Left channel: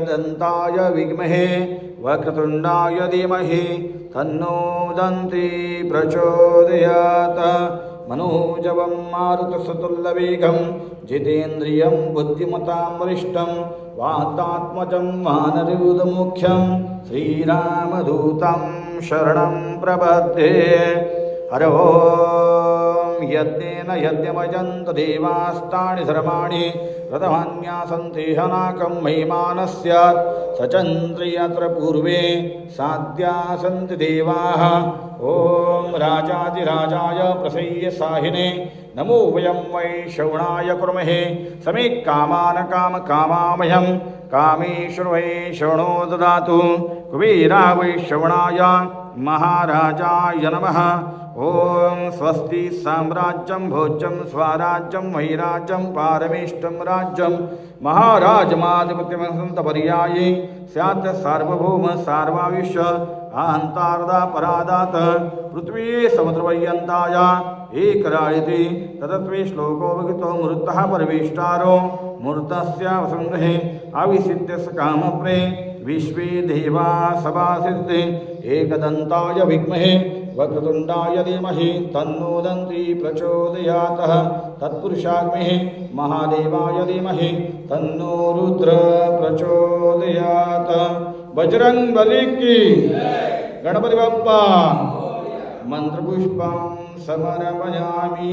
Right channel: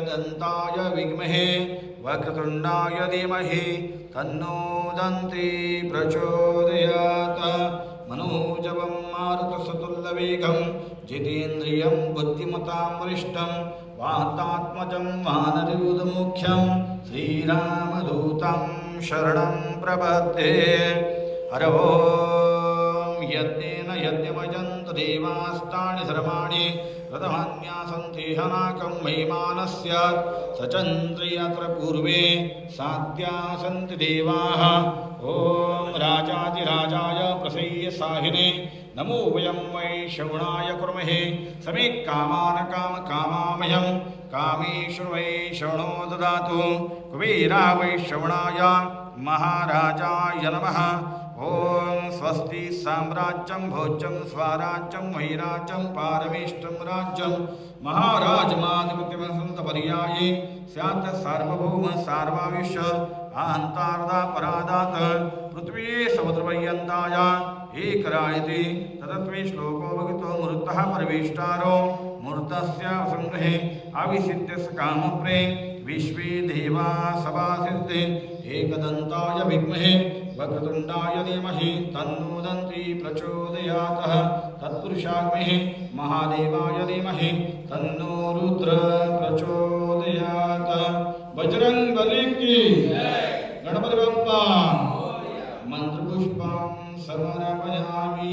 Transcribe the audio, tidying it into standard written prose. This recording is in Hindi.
एकदन्ताय विद्महे वक्रतुण्डाय धीमहि तन्नो दन्ती प्रचोदयात् मनोजवं मारुतसुतुल्यवेगं जितेन्द्रियं बुद्धिमतां वरिष्ठं वातात्मजं वानरयूथमुख्यं श्रीरामदूतं शरणं प्रपद्ये। हर ओं यज्ञेन यज्ञमयन्त देवास्तानि धर्माणि रथमान्यासन्ति हनाकं महिमानस्य सचन्द्र यत्र पूर्वे साध्या सन्ति देवाः। ओं राजाधिराजाय प्रसह्य साहिने नमो वयं वै श्रवणाय कुर्महे समे कामान् कामकामामयं कामेश्वर वै श्रवणो ददातु कुबेरा वै श्रवणाय महाराजाय नमः। ओं स्वस्ति साम्राज्यं भोज्यं स्वराज्यं वैराज्यं पारमेष्टं राज्यं महाराजमाधिपत्यमहन्तपर्याये स्यात् सार्वभौम सार्वाविश्य अहन्तार्दापरादात् पृथ्वी समुद्रपर्यन्ताय एकरायति तदत्वे श्लोकोपकृतो मृतः परमेष्टारो मूर्तस्य संग्रहे अविसिद्ध्यस्य कामप्रे विश्वे देवा सभासिद्धे एकदन्ताय विद्महे वक्रतुण्डाय धीमहि तन्नो दन्ती प्रचोदयात् तत्पुरुषाग्महे महादेवाय धीमहि तन्नो रुद्र प्रचोदयात्। बजरंग बली की गणपति बप्पा मंत्रपुष्पं समर्पयामि।